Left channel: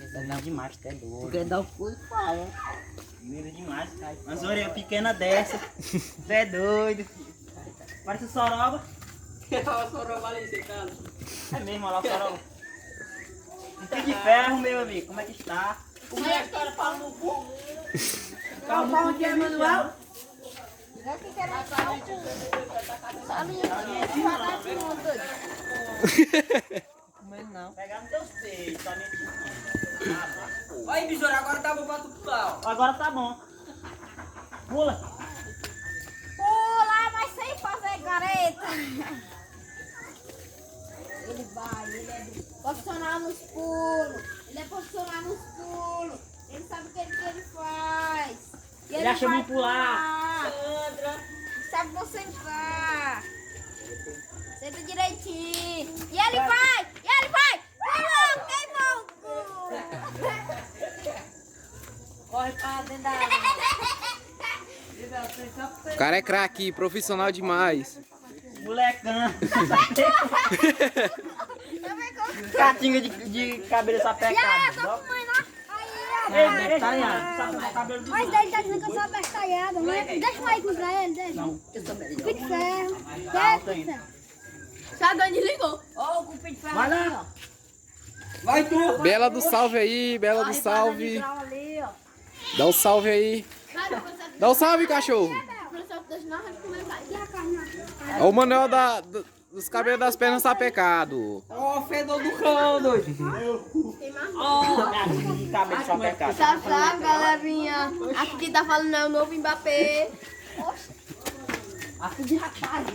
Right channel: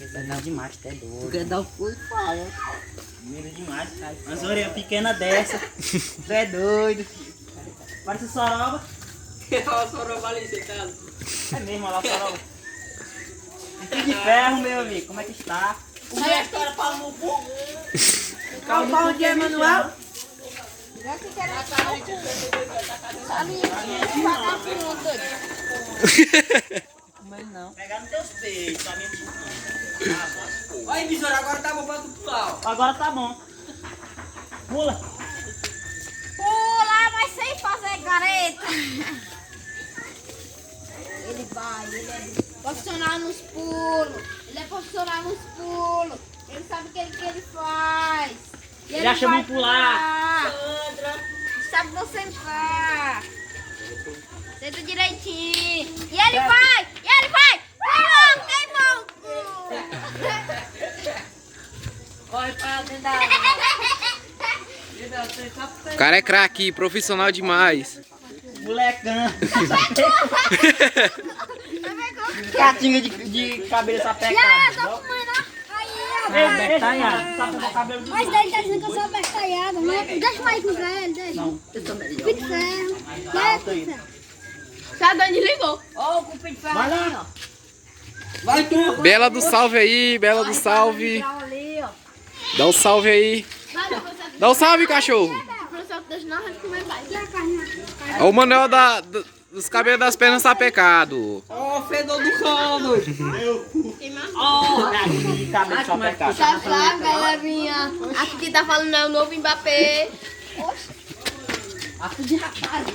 Medo demais, até doido. Porque dá o cu e fala. Medo demais. Umas orelhas pequenas dessa. Tu é doido. Parece soroba. Olha a soroba ali sentada. É mesmo, olha lá o soroba. Fio de ferro, meu amigo. Como é que está? O meu cara pau no cu. Calma, onde é, Manuel? Mas não. Pegar nos teus peitos, tá mentindo. Olha, besouro, agora tá bom pra tu pular. Agora tá bom. Pula. Pula, mas sem fazer careta. Ele vai, ele é profissional nos pulos. Ele é profissional nos pulos. Ele sabe o que ele faz. E Ele acha vai bom pular. Sabe você entrar. Senta direitinho. E ele vai, e ele vai. Pulou, queimou. Corre pra dentro da água. O cara é craque, profissional demais. Molecão. Catinga de cabelo sapecado. É, cabelo de Mas ele tá dizendo que eu sou abestalhada. Deixa eu ir pra ele, deixa. Não. Pique de ferro. Alto ainda. Sabe onde ligou? Ó, com o pique de ferro Vai lá. ali, ó. Vai tu. Bela do salve aí, Bela do salve. Ali, ó. Dá um salve aí. Dá um salve, cachorro. Deixa não, a gente comer mais. Ó, o Manuel dos cabelos das pernas tá pecado. Ó, fedor do colo. De cabelo sapecado. Sabe, galerinha? Aqui quem tá falando é o novo Mbappé. Aqui de rapaz.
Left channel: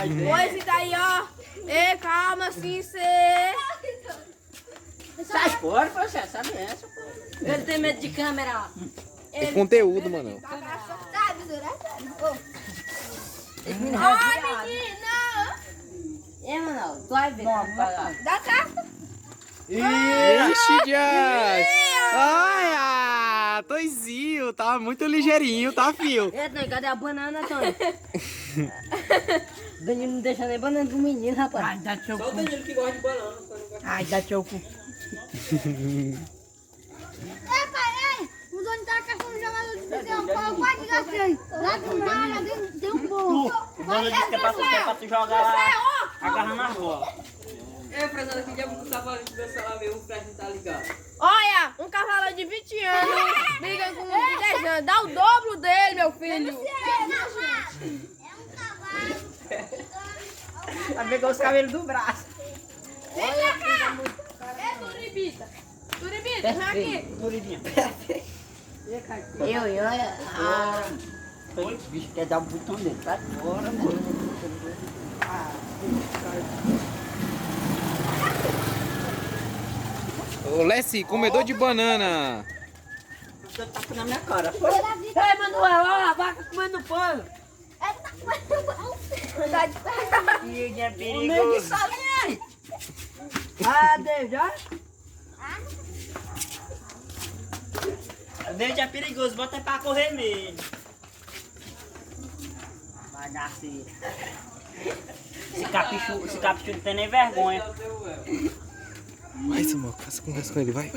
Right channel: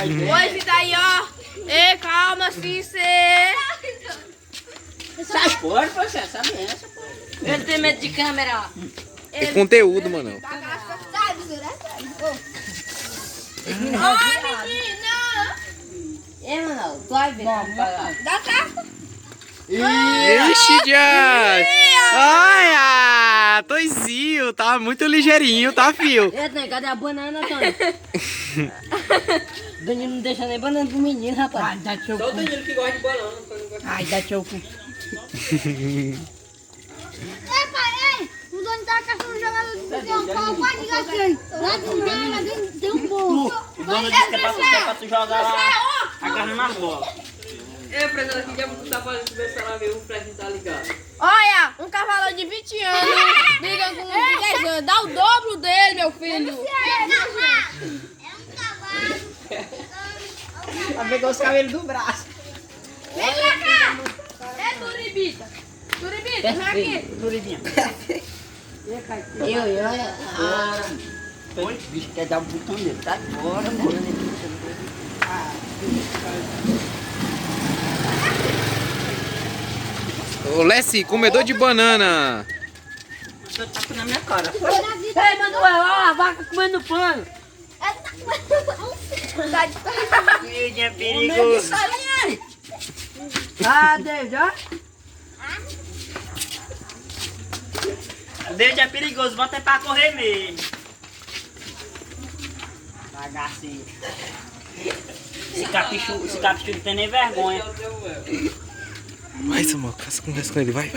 Oi, esse daí, ó. Ei, calma, Cícero. Sai fora, você sabe essa, pô. Ele tem medo de câmera. É conteúdo, Manuel. Sai, besoura, sai. Ai, Menina! É, Manuel, tu vai ver. Dá certo? Ixi, Dias! Olha! Toizinho, tá muito ligeirinho, tá, fio? Eita, cadê a banana, Antônio? Danilo não deixa nem banana pro menino, rapaz. Ai, dá teu Só o cu. Danilo que gosta de bolão. Ai, dá teu cu. Ei, pai, ei! O dono tá caçando jogador de tem um pau, pode ligar aqui. Lá do lado, tem um bolo. O dono disse que é pra tu jogar lá agarrando na bola. Ei, presidente, aqui que é pra tu tá fazendo ver se ela vê o flash não tá ligado. Olha, um cavalo de 20 anos briga com um de 10 anos. Dá o dobro dele, meu filho. Vai pegar os cabelos do braço. Vem cá. É Turibita. Turibita, vem aqui. Turidinha. O bicho quer dar um botão nele, tá fora, mano. Ô, Lessi, comedor de banana. Você tá na minha cara. Ei, Manuel, olha a vaca comendo pano. Miudinho é O meio que perigoso. sabe aí. Ah, Deus, ó. Desde é perigoso, bota é pra correr mesmo. Bagaceiro. Esse capichu não tem nem vergonha. Vai, Samuel, conversa com ele, vai.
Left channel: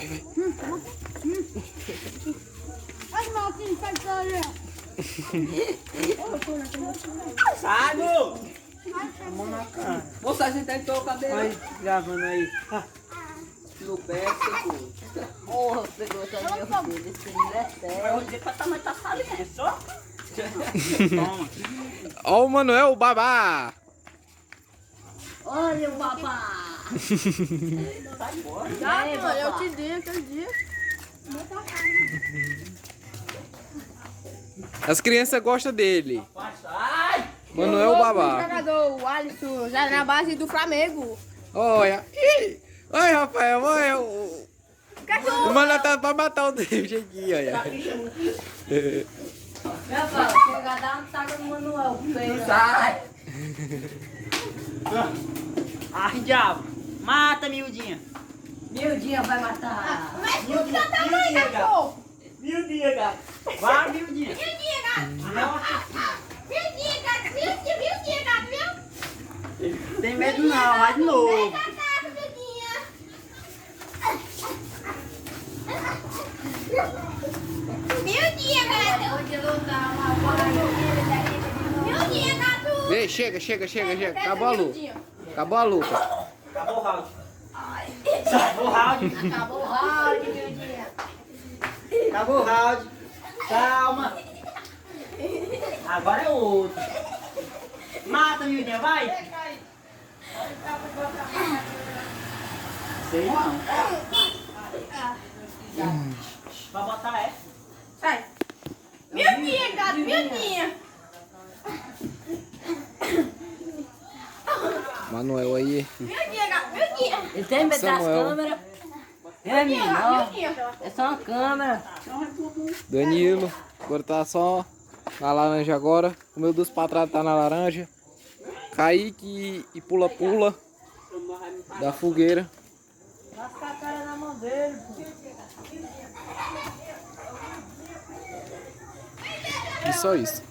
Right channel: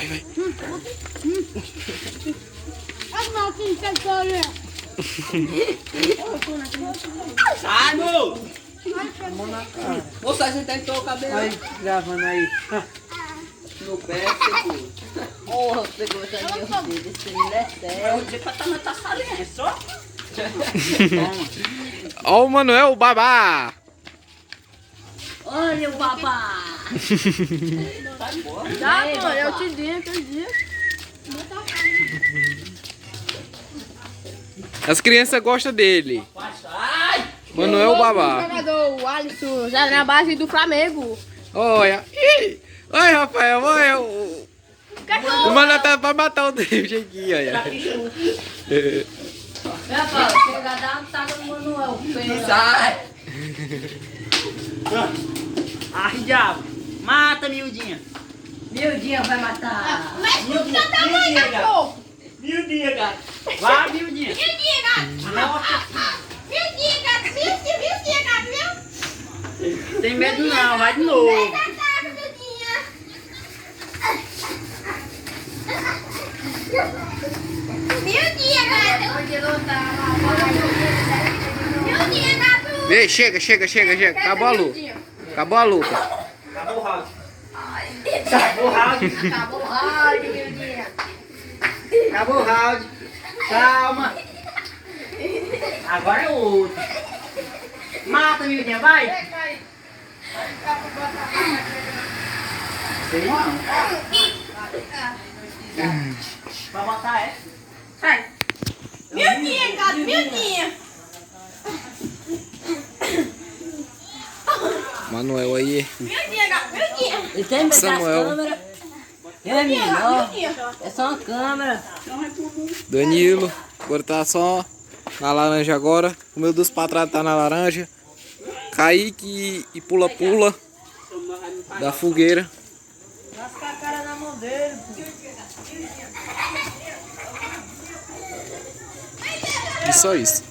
Olha o Malquinho que agora. Sai, mo! Moça, a gente tem que tocar o cabelo. Aí, gravando aí. No pé, seguro. Porra, pegou essa minha dele, esse menino é sério. Eu vou dizer pra também tá saliente, só. Toma. Ó o Manuel, o babá. Olha o babá. Sai fora. Tá, Ei, pô, eu babá. te disse. As crianças gostam dele. Sai! Manuel, o O babá. jogador, o Alisson, já na base do Flamengo. Olha. Ih. Oi, Rafael, olha. O Manuel tá pra matar o David aqui, olha. Rapaz, chega, dá um taco no Manuel. Sai! Ai, diabo. Mata, miudinha. Meu dia vai matar. Mas tu que tá tamanho, cachorro? Miudinha, gato. Vai, miudinha. Miudinha, gato. Miudinha, gato. Miudinha, gato, viu? Tem medo não, vai de novo. Ataca, miudinha. Meu dia, gato. Meu dia, gato. Ei, chega. Acabou a luta. Acabou a luta. Acabou o round. Acabou o round. Acabou o round, meu dia. Acabou o round. Calma. Agora é o outro. Mata, Mildinha, vai. Sei não. Vai matar, é? Sai. Meu dia, gato, meu dia. Manuel aí. Meu dia, gato, meu dia. Ele tem que botar as Samuel. câmeras. É melhor. É só uma câmera. Danilo. Agora tá só na laranja agora. O meu dos patrados tá na laranja. Kaique e pula-pula da fogueira. Lasca a cara na mão dele, pô. E só isso.